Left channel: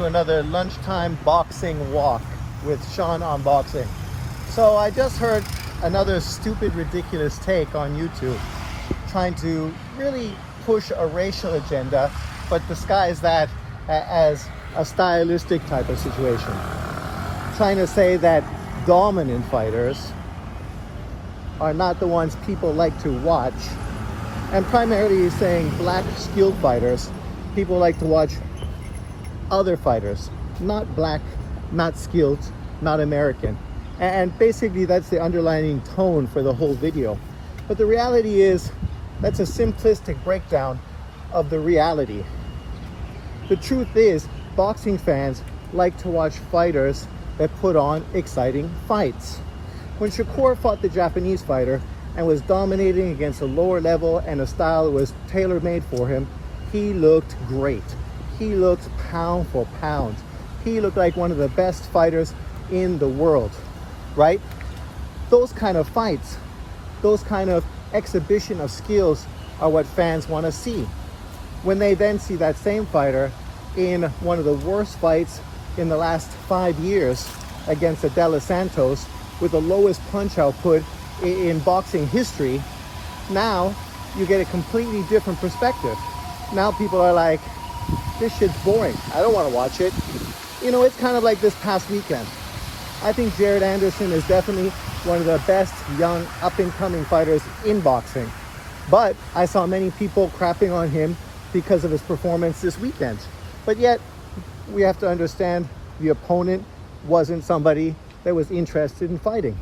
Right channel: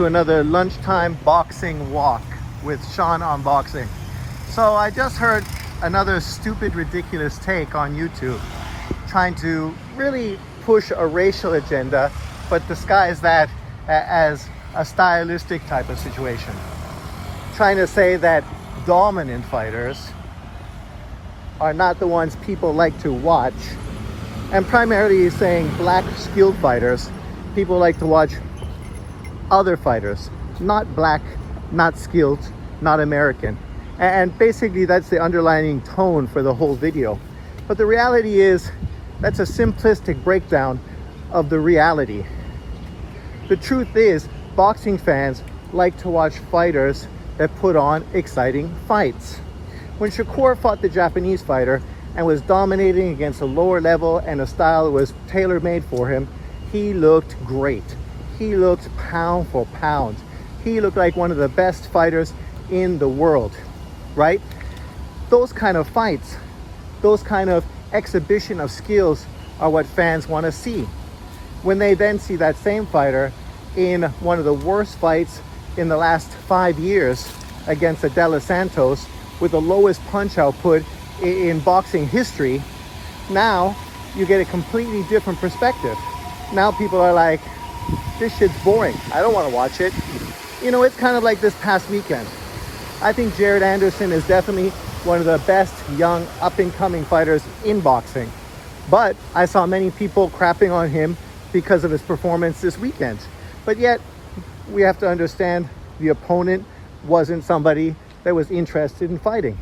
To another lunchtime boxing walk with Sean on Boxing. So I just heard another stupid, ridiculous take on YouTube trying to really push a racial agenda, but disguise that as a stylistic type of situation. Trying to say that dominant fighters are not the ones people like to watch, and primarily saying black skilled fighters, people like to watch other fighters, not black, not skilled, not American. And basically that's the underlying tone for the whole video. But the reality is that's a simplistic breakdown of the reality. The truth is boxing fans like to watch fighters that put on exciting fights. When Shakur fought the Japanese fighter and was dominating against a lower level and a style that was tailor-made for him, he looked great. He looked pound for pound. He looked like one of the best fighters in the world, right? Those kind of fights, those kind of exhibition of skills are what fans want to see. When they then see that same fighter in one of the worst fights in the last 5 years against Adela Santos with the lowest punch output in boxing history, now you get a completely different perspective. Now people are like, this shit's boring. I don't want to watch it. You know, it's kind of like this past weekend. I think Jared Anderson is definitely one of the best young up-and-coming fighters in boxing. But I saw many people crapping on him because of his performance this weekend. But yet, we have to understand the opponent wasn't somebody that was interested in fighting.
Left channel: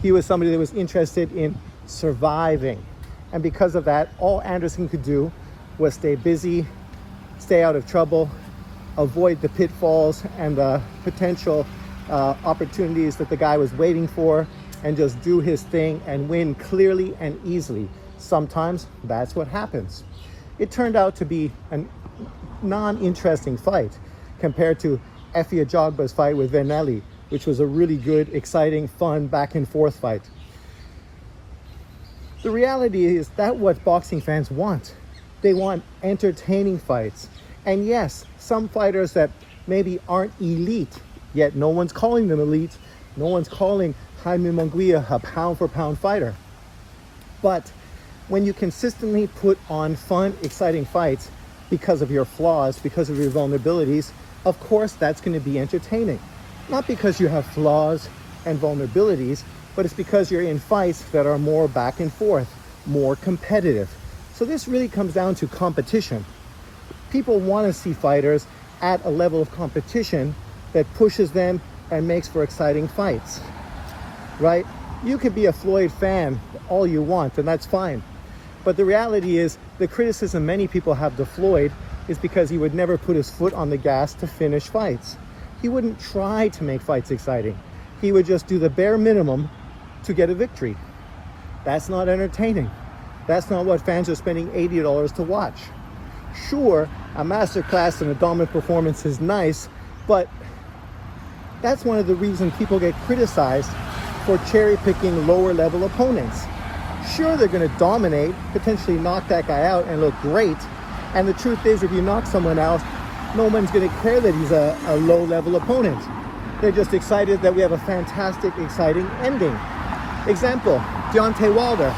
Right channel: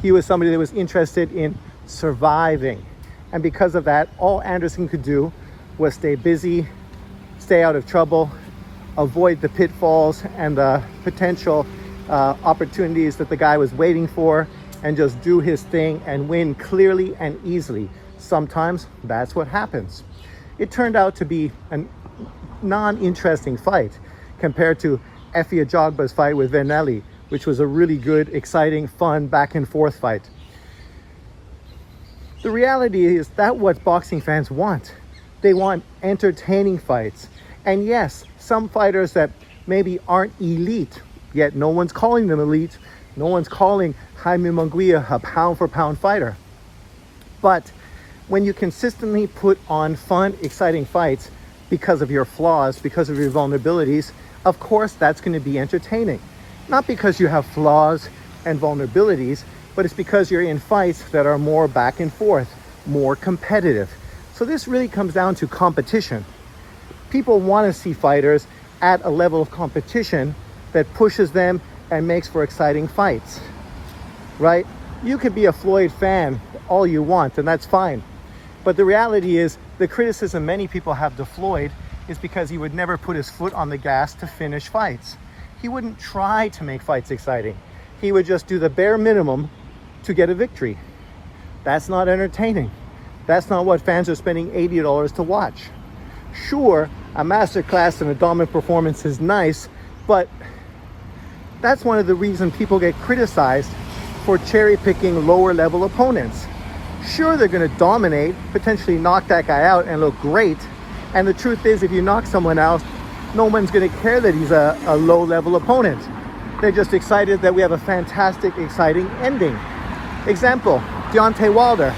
He was somebody that was interested in surviving. And because of that, all Anderson could do was stay busy, stay out of trouble, avoid the pitfalls and the potential opportunities that the guy was waiting for, and just do his thing and win clearly and easily. Sometimes that's what happens. It turned out to be a non-interesting fight compared to Efe Ajagba's fight with Vennelli, which was a really good, exciting, fun, back and forth fight. The reality is that what boxing fans want. They want entertaining fights. And yes, some fighters that maybe aren't elite, yet no one's calling them elite, no one's calling Jaime Munguia a pound for pound fighter. But when you consistently put on fun, exciting fights because of your flaws, because of your vulnerabilities, of course that's going to be entertaining. Not because you have flaws and vulnerabilities, but it's because you're in fights that are more back and forth, more competitive. So this really comes down to competition. People want to see fighters at a level of competition that pushes them and makes for exciting fights, right? You could be a Floyd fan all you want, and that's fine. But the reality is, the criticism many people have to Floyd is because he would never put his foot on the gas to finish fights. He wouldn't try to make fights exciting. He would just do the bare minimum to get a victory. That's not entertaining. That's not what fans are spending $80 to watch. Sure, a masterclass and a dominant performance is nice, but that's one of the reasons people get criticized for cherry-picking lower-level opponents. Sure, they're going to dominate, potentially knock that guy out and look great, and the truth is, if you knock someone out, no one's going to care that he's a low-level opponent. They're just excited that we have a fantastic, exciting ending. Example, Deontay Wilder.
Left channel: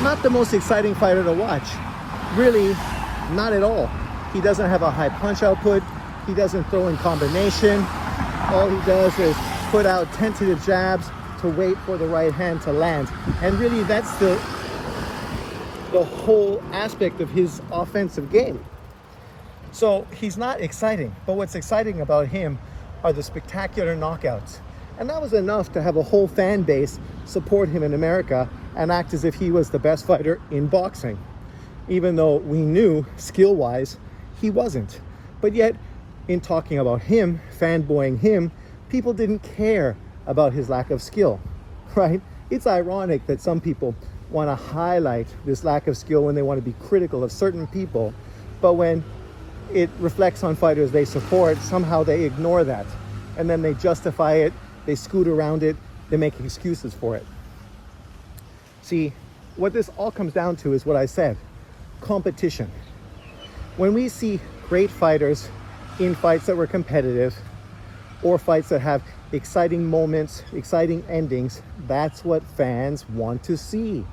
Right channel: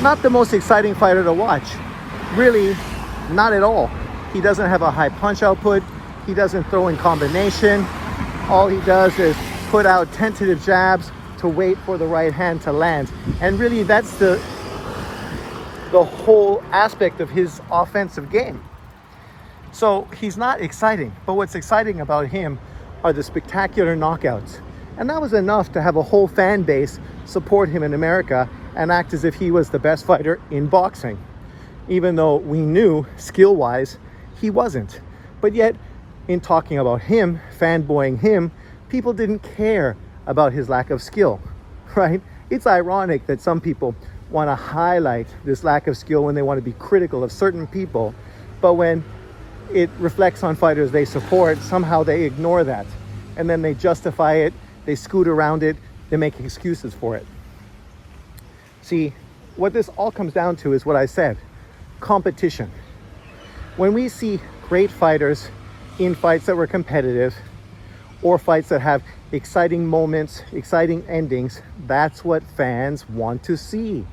Not the most exciting fighter to watch. Really, not at all. He doesn't have a high punch output. He doesn't throw in combination. All he does is put out tentative jabs to wait for the right hand to land. And really, that's the whole aspect of his offensive game. So he's not exciting, but what's exciting about him are the spectacular knockouts. And that was enough to have a whole fan base support him in America and act as if he was the best fighter in boxing, even though we knew skill-wise he wasn't. But yet, in talking about him, fanboying him, people didn't care about his lack of skill, right? It's ironic that some people want to highlight this lack of skill when they want to be critical of certain people, but when it reflects on fighters they support, somehow they ignore that. And then they justify it, they scoot around it, they make excuses for it. See, what this all comes down to is what I said, competition. When we see great fighters in fights that were competitive or fights that have exciting moments, exciting endings. That's what fans want to see.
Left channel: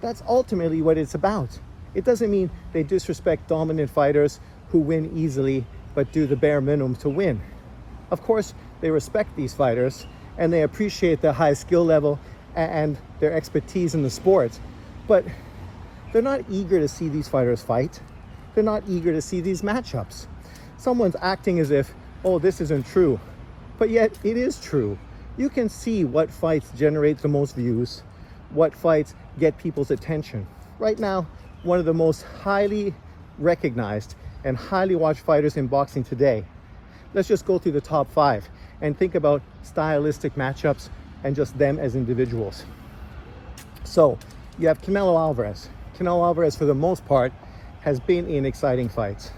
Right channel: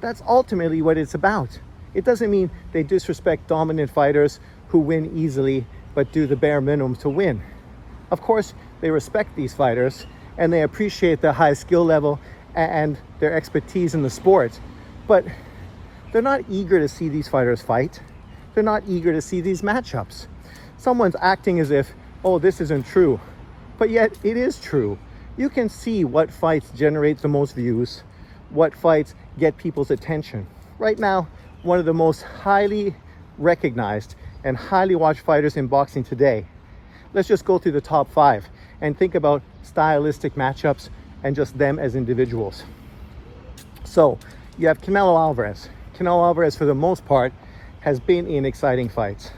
That's ultimately what it's about. It doesn't mean they disrespect dominant fighters who win easily but do the bare minimum to win. Of course, they respect these fighters and they appreciate the high skill level and their expertise in the sport, but they're not eager to see these fighters fight. They're not eager to see these matchups. Someone's acting as if, oh, this isn't true, but yet it is true. You can see what fights generate the most views, what fights get people's attention. Right now, one of the most highly recognized and highly watched fighters in boxing today. Let's just go through the top 5 and think about stylistic matchups and just them as individuals. So you have Canelo Alvarez. Canelo Alvarez, for the most part, has been in exciting fights.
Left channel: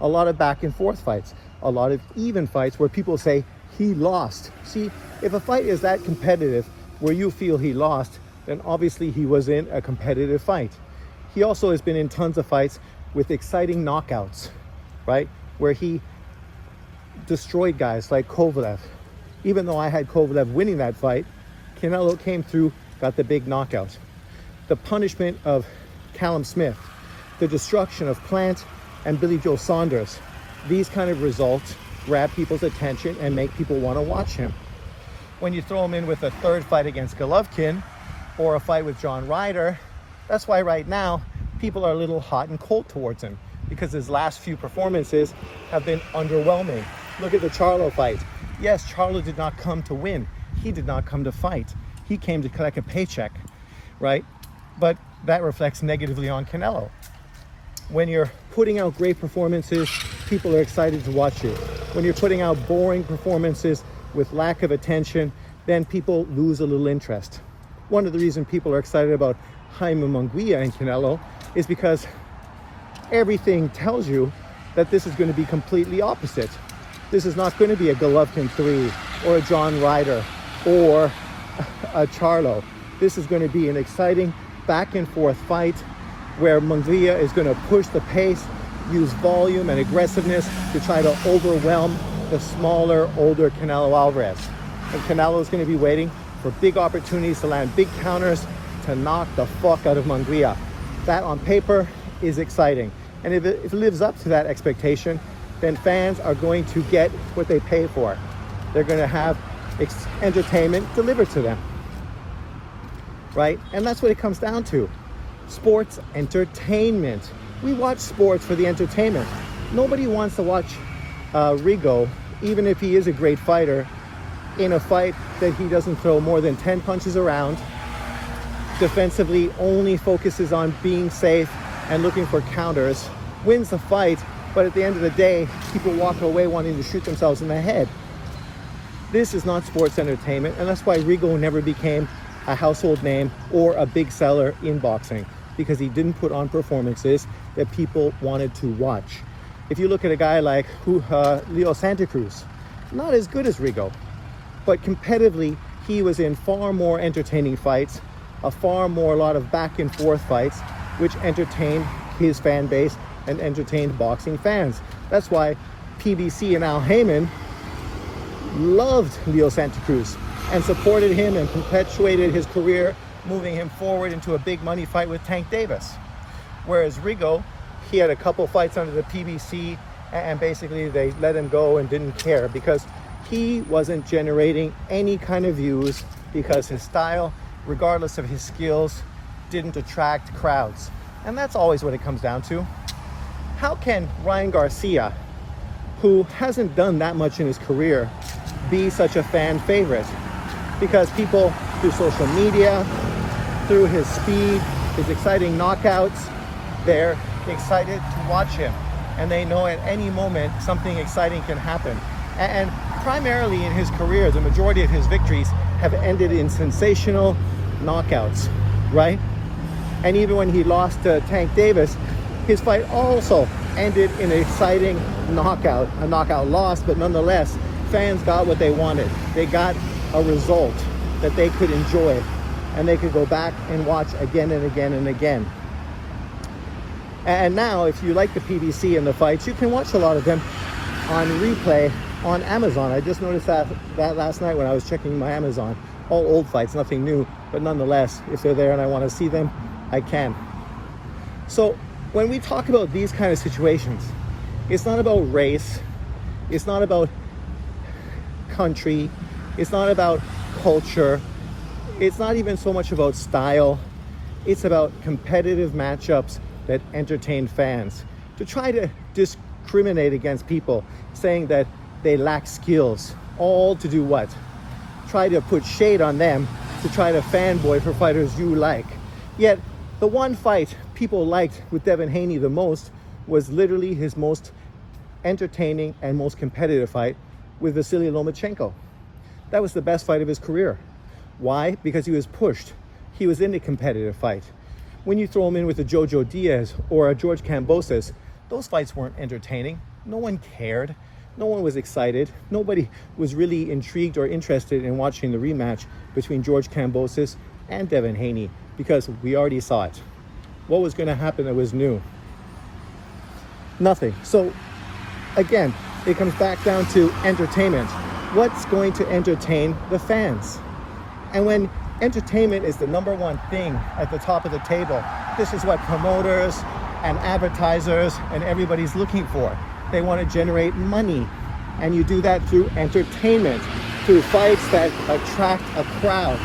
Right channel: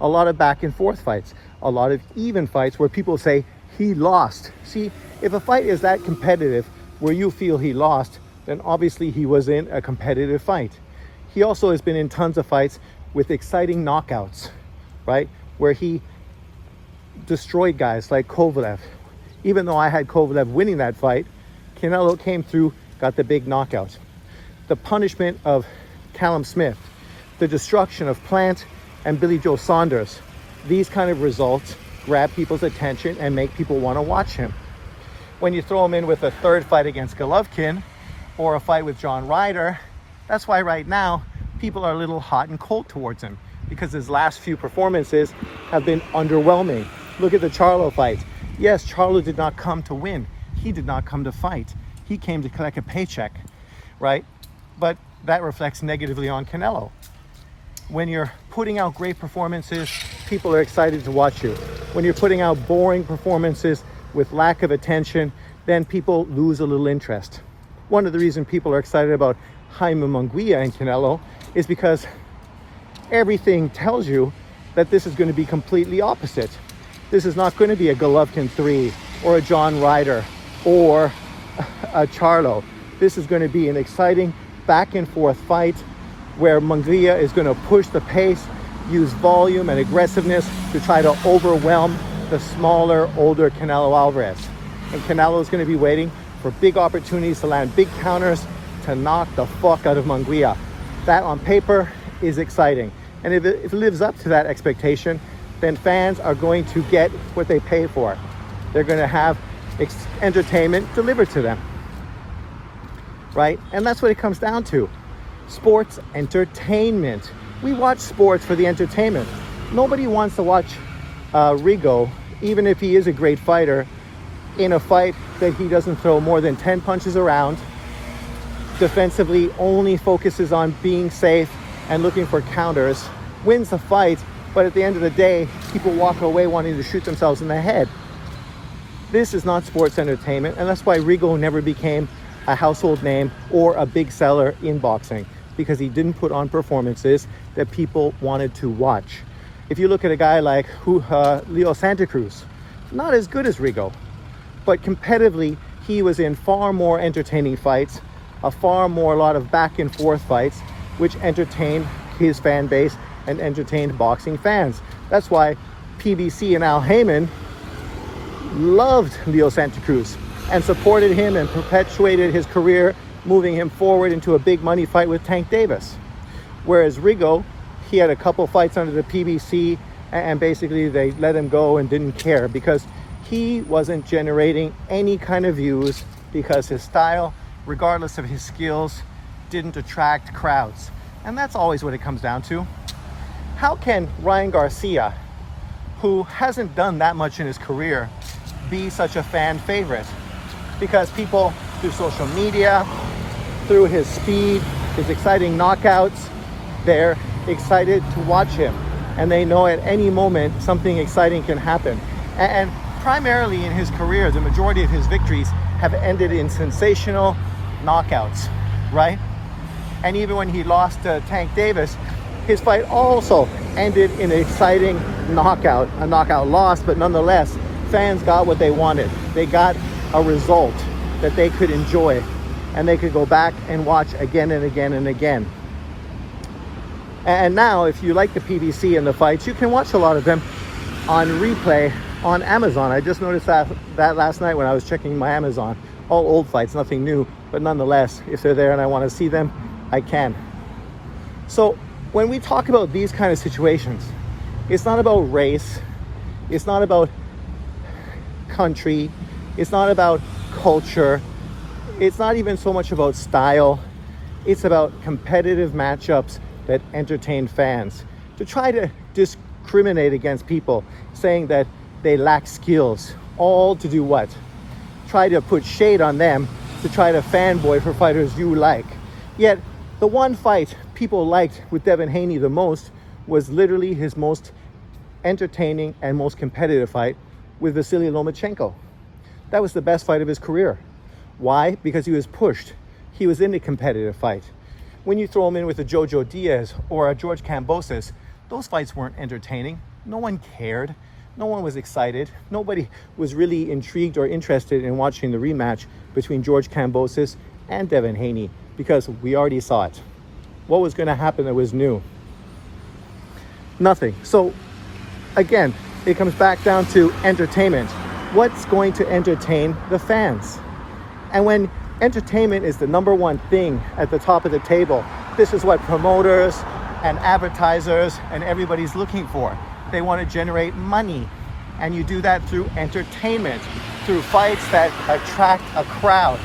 A lot of back and forth fights, a lot of even fights where people say he lost. See, if a fight is that competitive where you feel he lost, then obviously he was in a competitive fight. He also has been in tons of fights with exciting knockouts, right? Where he destroyed guys like Kovalev. Even though I had Kovalev winning that fight, Canelo came through, got the big knockout. The punishment of Callum Smith, the destruction of Plant and Billy Joe Saunders. These kind of results grab people's attention and make people want to watch him. When you throw him in with a third fight against Golovkin or a fight with John Ryder, that's why right now people are a little hot and cold towards him, because his last few performances have been underwhelming. Look at the Charlo fight. Yes, Charlo did not come to win. He did not come to fight. He came to collect a paycheck, right? But that reflects negatively on Canelo. When you're putting out great performances, people are excited to watch you. When you're putting out boring performances with lack of attention, then people lose a little interest. One of the reasons people are excited about Jaime Munguia and Canelo is because everything tells you that this is going to be completely opposite. This is not going to be a Golovkin 3 or a John Ryder or a Charlo. This is going to be an exciting back and forth fight where Munguia is going to push the pace, use volume and aggressiveness to try to overwhelm the smaller, older Canelo Alvarez. And Canelo is going to be waiting for big opportunities to land big counters to knock the fuck out of Munguia. That on paper is exciting. And if it lives up to that expectation, then fans are going to get what they pay for. They're going to have entertainment delivered to them, right? And that's what it comes down to. Sports entertainment. We watch sports for the entertainment. Nobody wants to watch Rigo, even if he is a great fighter, in a fight that he doesn't throw more than 10 punches around, defensively only focuses on being safe and looking for counters, wins the fight, but at the end of the day, people walk away wanting to shoot themselves in the head. This is not sports entertainment, and that's why Rigo never became a household name or a big seller in boxing, because he didn't put on performances that people wanted to watch. If you look at a guy like Leo Santa Cruz, not as good as Rigo, but competitively, he was in far more entertaining fights, a lot of back and forth fights, which entertained his fan base and entertained boxing fans. That's why PBC and Al Heyman loved Leo Santa Cruz and supported him and perpetuated his career, moving him forward into a big money fight with Tank Davis. Whereas Rigo, he had a couple fights under the PBC and basically they let him go and didn't care because he wasn't generating any kind of views, because his style, regardless of his skills, didn't attract crowds. And that's always what it comes down to. How can Ryan Garcia, who hasn't done that much in his career, be such a fan favorite? Because people, through social media, through his speed, his exciting knockouts, they're excited to watch him. And they know at any moment something exciting can happen. And primarily in his career, the majority of his victories have ended in sensational knockouts, right? And even when he lost to Tank Davis, his fight also ended in an exciting knockout, a knockout loss, but nonetheless, fans got what they wanted. They got a result that they could enjoy, and they could go back and watch again and again and again. And now, if you like the PBC and the fights, you can watch a lot of them on replay on Amazon. I just noticed that last night when I was checking my Amazon. All old fights, nothing new, but nonetheless, if they're there and I want to see them, I can. So when we talk about these kind of situations, it's not about race, it's not about country, it's not about culture, it's not even so much about style, it's about competitive matchups that entertain fans. To try to discriminate against people saying that they lack skills, all to do what? Try to put shade on them, to try to fanboy for fighters you like. Yet the one fight people liked with Devin Haney the most was literally his most entertaining and most competitive fight with Vasily Lomachenko. That was the best fight of his career. Why? Because he was pushed. He was in a competitive fight. When you throw him in with a Jojo Diaz or a George Kambosos, those fights weren't entertaining. No one cared. No one was excited. Nobody was really intrigued or interested in watching the rematch between George Kambosos and Devin Haney because we already saw it. What was going to happen that was new? Nothing. So again, it comes back down to entertainment. What's going to entertain the fans? And when entertainment is the number one thing at the top of the table, this is what promoters and advertisers and everybody's looking for. They want to generate money, and you do that through entertainment, through fights that attract a crowd.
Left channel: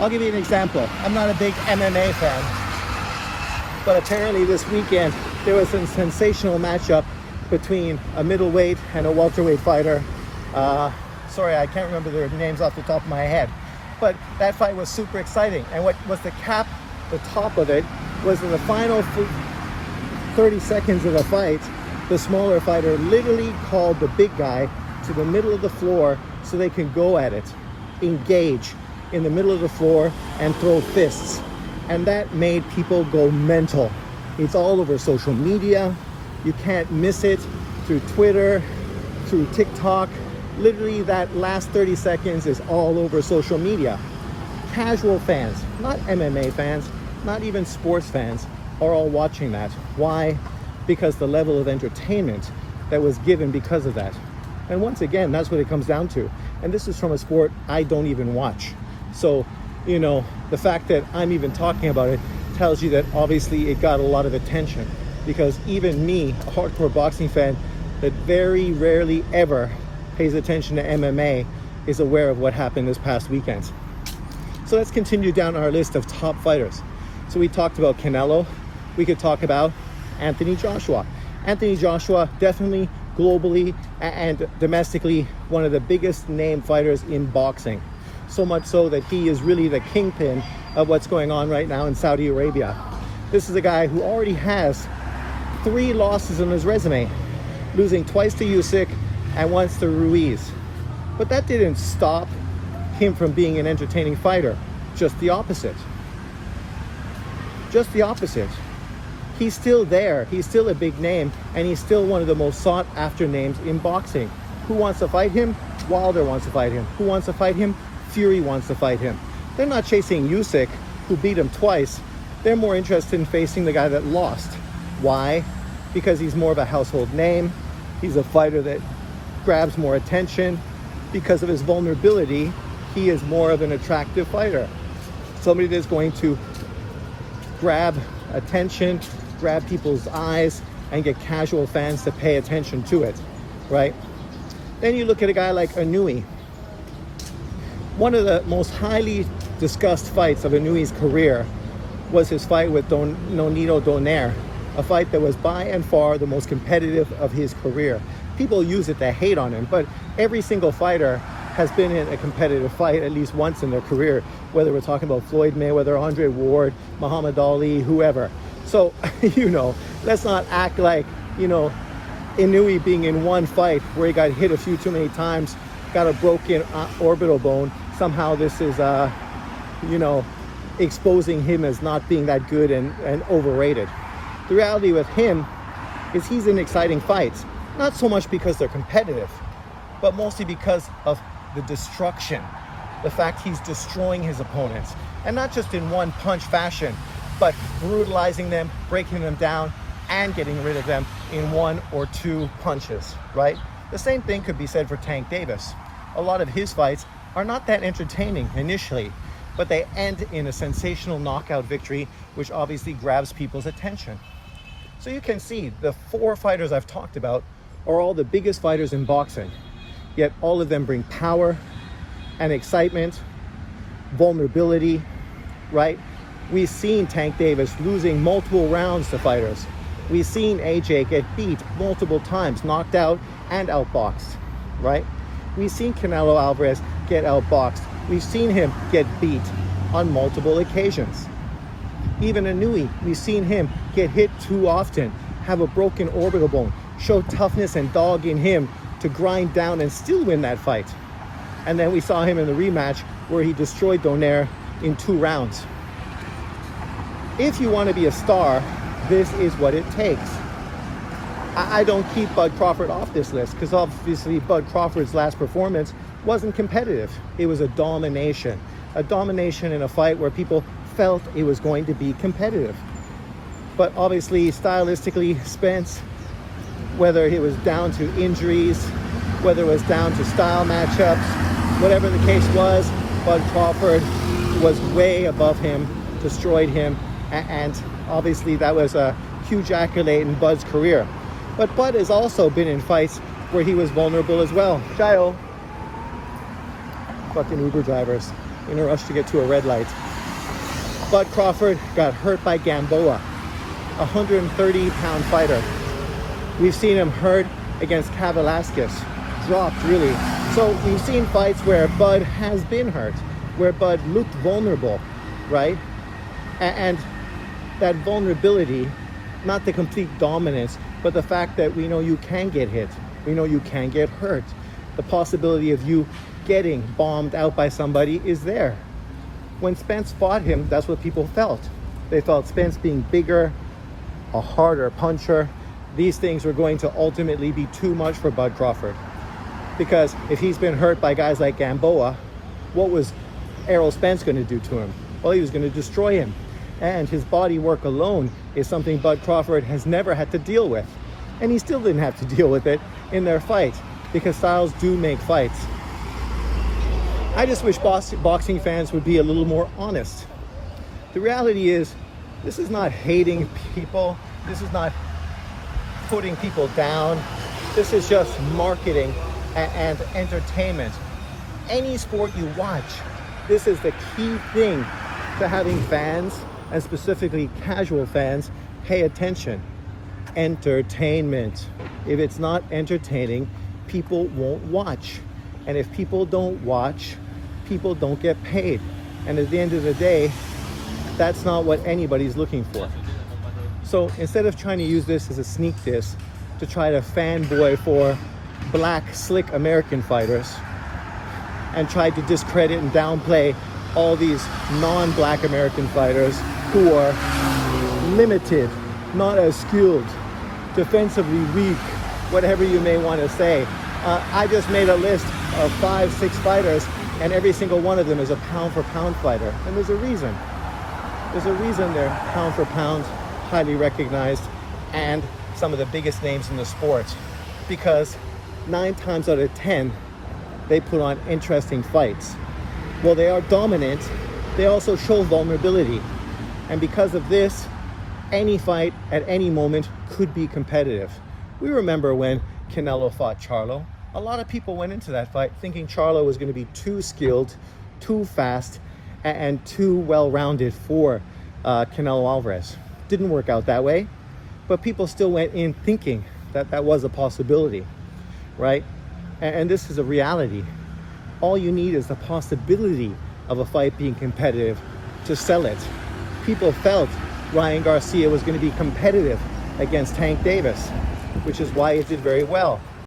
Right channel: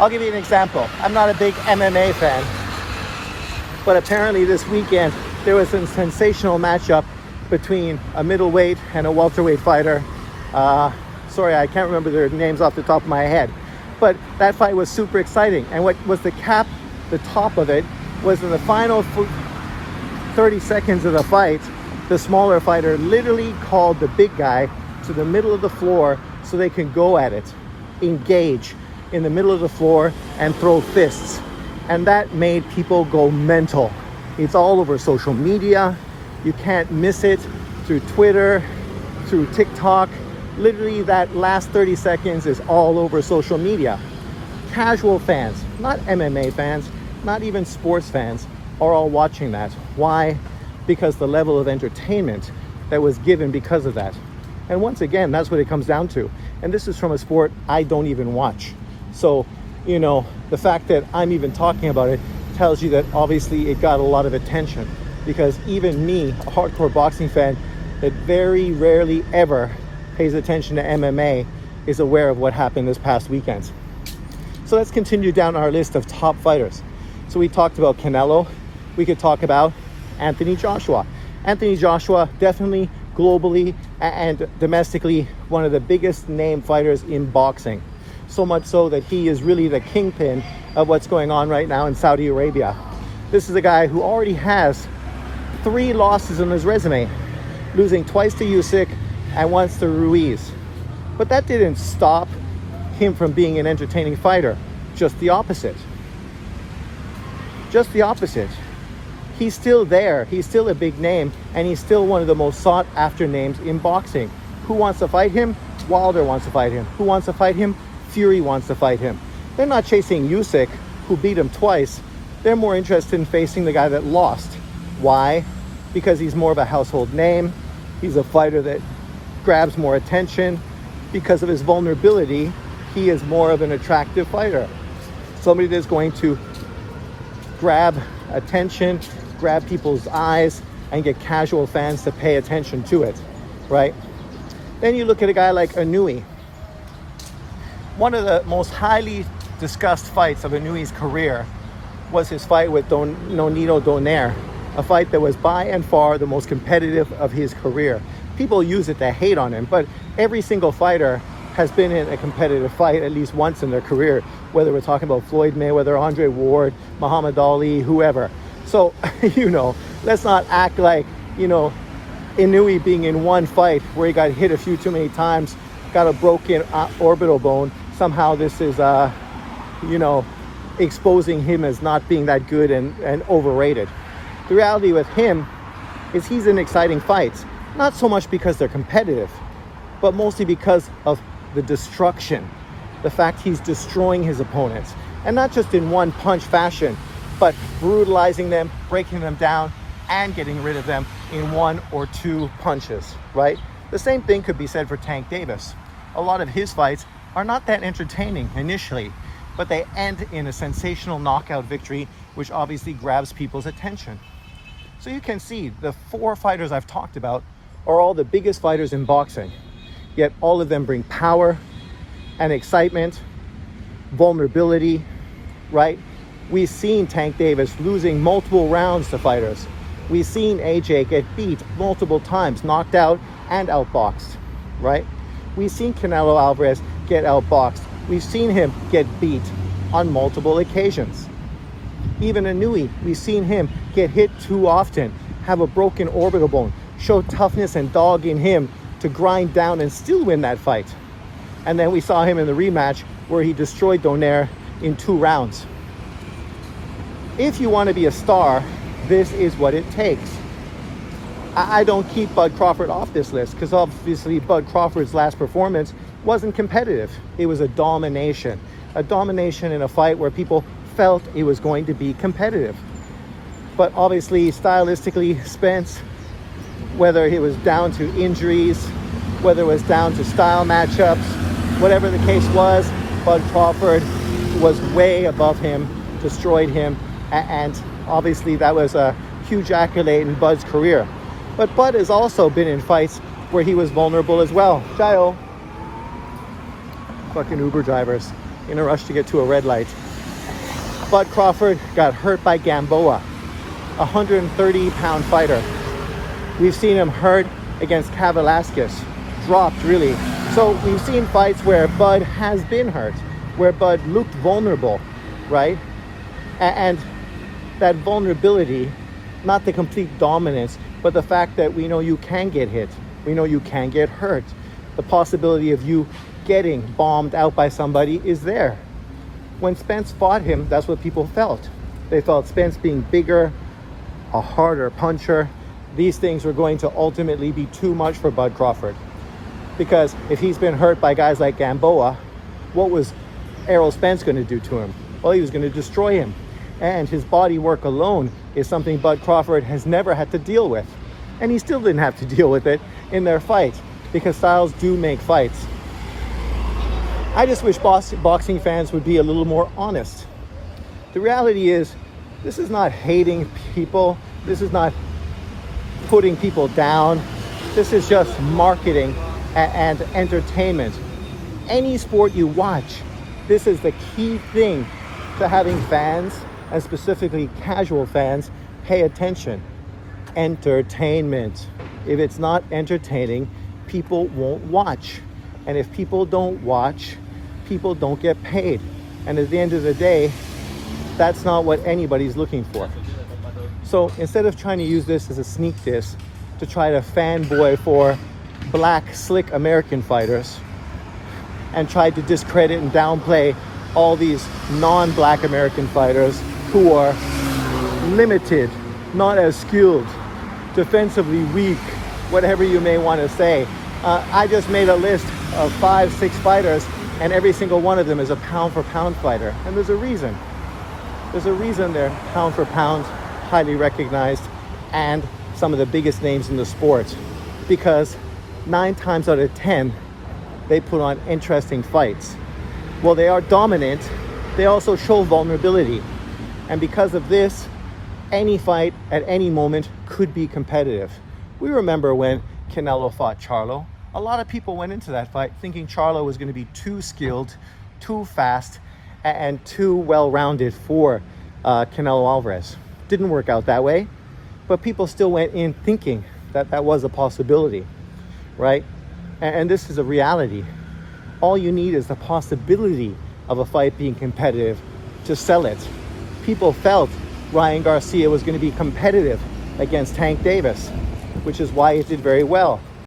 I'll give you an example. I'm not a big MMA fan, but apparently this weekend there was a sensational matchup between a middleweight and a welterweight fighter. Sorry, I can't remember their names off the top of my head, but that fight was super exciting. And what was the top of it, was in the final 30 seconds of the fight, the smaller fighter literally called the big guy to the middle of the floor so they can go at it, engage in the middle of the floor and throw fists. And that made people go mental. It's all over social media. You can't miss it, through Twitter, through TikTok. Literally that last 30 seconds is all over social media. Casual fans, not MMA fans, not even sports fans, are all watching that. Why? Because the level of entertainment that was given because of that. And once again, that's what it comes down to. And this is from a sport I don't even watch. So, you know, the fact that I'm even talking about it tells you that obviously it got a lot of attention, because even me, a hardcore boxing fan that very rarely ever pays attention to MMA, is aware of what happened this past weekend. So let's continue down our list of top fighters. So we talked about Canelo. We could talk about Anthony Joshua. Anthony Joshua, definitely globally and domestically one of the biggest name fighters in boxing. So much so that he is really the kingpin of what's going on right now in Saudi Arabia. This is a guy who already has 3 losses on his resume, losing twice to Usyk and once to Ruiz. But that didn't stop him from being an entertaining fighter. Just the opposite. Just the opposite. He's still there. He's still a big name, and he's still one of the most sought after names in boxing. Who wants to fight him? Wilder wants to fight him. Who wants to fight him? Fury wants to fight him. They're not chasing Usyk, who beat him twice. They're more interested in facing the guy that lost. Why? Because he's more of a household name. He's a fighter that grabs more attention. Because of his vulnerability, he is more of an attractive fighter. Somebody that's going to grab attention, grab people's eyes, and get casual fans to pay attention to it, right? Then you look at a guy like Inoue. One of the most highly discussed fights of Inoue's career was his fight with Nonito Donaire, a fight that was by and far the most competitive of his career. People use it to hate on him, but every single fighter has been in a competitive fight at least once in their career, whether we're talking about Floyd Mayweather, Andre Ward, Muhammad Ali, whoever. So, you know, let's not act like, you know, Inoue being in one fight where he got hit a few too many times, got a broken orbital bone. Somehow this is, you know, exposing him as not being that good and overrated. The reality with him is he's in exciting fights, not so much because they're competitive, but mostly because of the destruction. The fact he's destroying his opponents, and not just in one punch fashion, but brutalizing them, breaking them down, and getting rid of them in 1 or 2 punches, right? The same thing could be said for Tank Davis. A lot of his fights are not that entertaining initially, but they end in a sensational knockout victory, which obviously grabs people's attention. So you can see the 4 fighters I've talked about are all the biggest fighters in boxing, yet all of them bring power and excitement, vulnerability, right? We've seen Tank Davis losing multiple rounds to fighters. We've seen AJ get beat multiple times, knocked out and outboxed, right? We've seen Canelo Alvarez get outboxed. We've seen him get beat on multiple occasions. Even Inui, we've seen him get hit too often, have a broken orbital bone, show toughness and dog in him to grind down and still win that fight. And then we saw him in the rematch where he destroyed Donaire in 2 rounds. If you want to be a star, this is what it takes. I don't keep Bud Crawford off this list because obviously Bud Crawford's last performance wasn't competitive. It was a domination in a fight where people felt it was going to be competitive. But obviously, stylistically, Spence, whether it was down to injuries, whether it was down to style matchups, whatever the case was, Bud Crawford was way above him, destroyed him, and obviously that was a huge accolade in Bud's career. But Bud has also been in fights where he was vulnerable as well. Jayo. Fucking Uber drivers in a rush to get to a red light. Bud Crawford got hurt by Gamboa, a 130-pound fighter. We've seen him hurt against Kavaliauskas, dropped really. So we've seen fights where Bud has been hurt, where Bud looked vulnerable, right? And that vulnerability, not the complete dominance, but the fact that we know you can get hit, we know you can get hurt. The possibility of you getting bombed out by somebody is there. When Spence fought him, that's what people felt. They felt Spence being bigger, a harder puncher. These things were going to ultimately be too much for Bud Crawford. Because if he's been hurt by guys like Gamboa, what was Errol Spence going to do to him? Well, he was going to destroy him. And his body work alone is something Bud Crawford has never had to deal with. And he still didn't have to deal with it in their fight, because styles do make fights. I just wish boxing fans would be a little more honest. The reality is, this is not hating people. This is not putting people down. This is just marketing and entertainment. Any sport you watch, this is the key thing to having fans, and specifically casual fans, pay attention. Entertainment. If it's not entertaining, people won't watch. And if people don't watch, people don't get paid. And at the end of the day, that's not what anybody's looking for. So instead of trying to use this as a sneak diss to try to fanboy for black, slick American fighters and try to discredit and downplay all these non-black American fighters who are limited, not as skilled, defensively weak, whatever you may want to say. I just made a list of 5-6 fighters, and every single one of them is a pound-for-pound fighter. And there's a reason. There's a reason they're pound-for-pound, highly recognized, and some of the biggest names in the sport. Because 9 times out of 10, they put on interesting fights. While they are dominant, they also show vulnerability. And because of this, any fight at any moment could be competitive. We remember when Canelo fought Charlo. A lot of people went into that fight thinking Charlo was going to be too skilled, too fast, and too well-rounded for Canelo Alvarez. Didn't work out that way, but people still went in thinking that that was a possibility, right? And this is a reality. All you need is the possibility of a fight being competitive to sell it. People felt Ryan Garcia was going to be competitive against Tank Davis, which is why it did very well.